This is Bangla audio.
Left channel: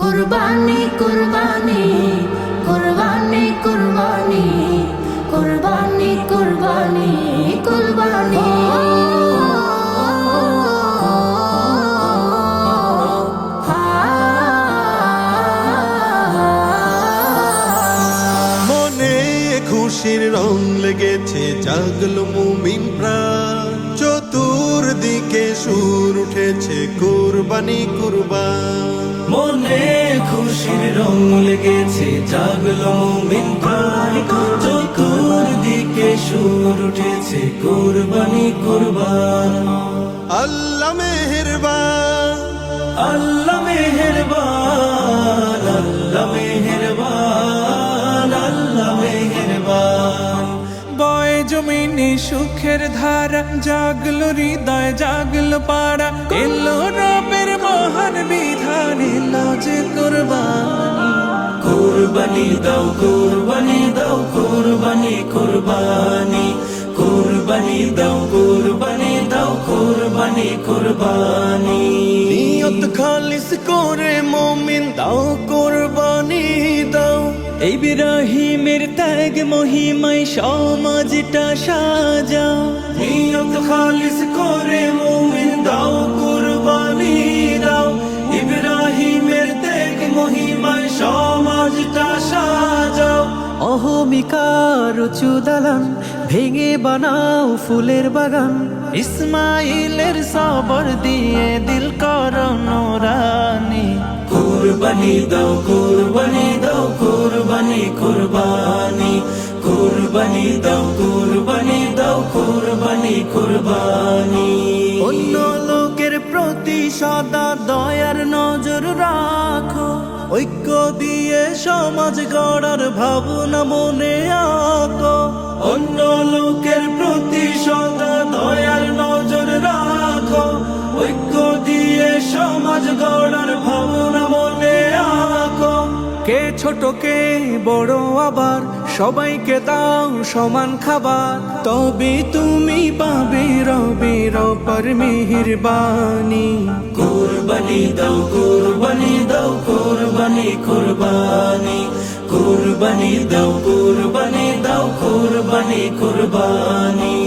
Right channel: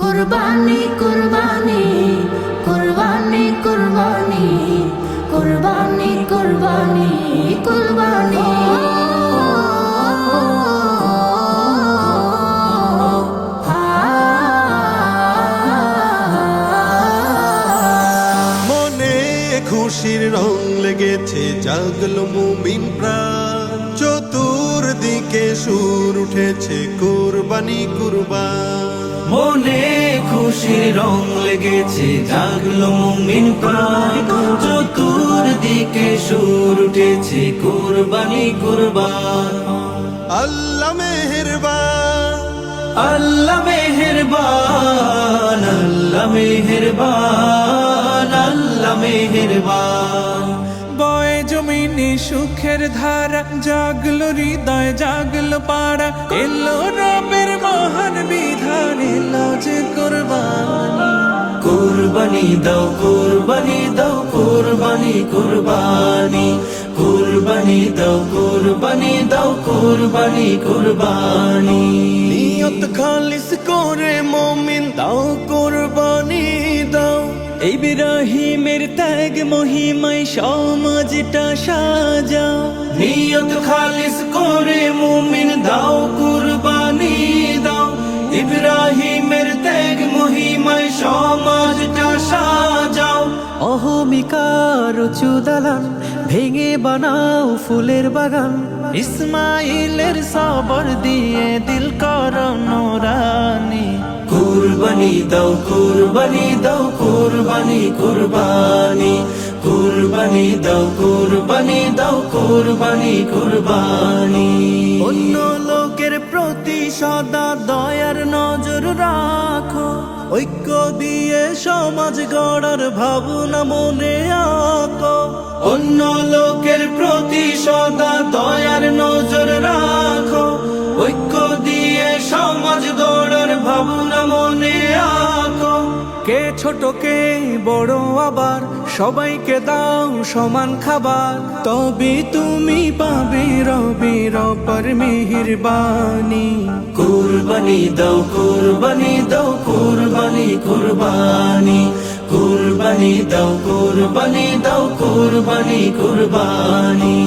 কুরবানি কুরবানি কুরবানি কুরবানি কুরবানি কুরবানি কুরবানি মনে খুশির রং লেগেছে, জাগলো মুমিন প্রাণ। চতুর্দিকে সুর উঠেছে, কুরবানি কুরবান। মনে খুশির রং লেগেছে, জাগলো মুমিন প্রাণ। চতুর্দিকে সুর উঠেছে, কুরবানি কুরবান। আল্লাহ মেহেরবান, আল্লাহ মেহেরবান, আল্লাহ মেহেরবান, আল্লাহ মেহেরবান। বয়ে জমিনে সুখের ধারা, জাগলো হৃদয় জাগলো পাড়া। এলো রবের মহান বিধান, এলো যে কুরবানি। কুরবানি দাও, কুরবানি দাও, কুরবানি কুরবানি। কুরবানি দাও, কুরবানি দাও, কুরবানি কুরবানি। নিয়ত খালিস করে মুমিন দাও, কুরবানি দাও। ইব্রাহিমের ত্যাগ মহিমায় সমাজটা সাজাও। নিয়ত খালিস করে মুমিন দাও, কুরবানি দাও। ইব্রাহিমের ত্যাগ মহিমায় সমাজটা সাজাও। অহমিকার উঁচু দালান ভেঙে বানাও ফুলের বাগান। ইসমাইলের সবর দিয়ে দিল করো নুরানি। কুরবানি দাও, কুরবানি দাও, কুরবানি কুরবানি। কুরবানি দাও, কুরবানি দাও, কুরবানি কুরবানি। অন্য লোকের প্রতি সদা দয়ার নজর রাখো। ঐক্য দিয়ে সমাজ গড়ার ভাবনা মনে আঁকো। অন্য লোকের প্রতি সদা দয়ার নজর রাখো। ঐক্য দিয়ে সমাজ গড়ার ভাবনা মনে আঁকো। কে ছোট কে বড় আবার সবাইকে দাও সমান খাবার। তবে তুমি পাবে রবের অপার মেহেরবানি। কুরবানি দাও, কুরবানি দাও, কুরবানি কুরবানি। কুরবানি দাও, কুরবানি দাও, কুরবানি কুরবানি।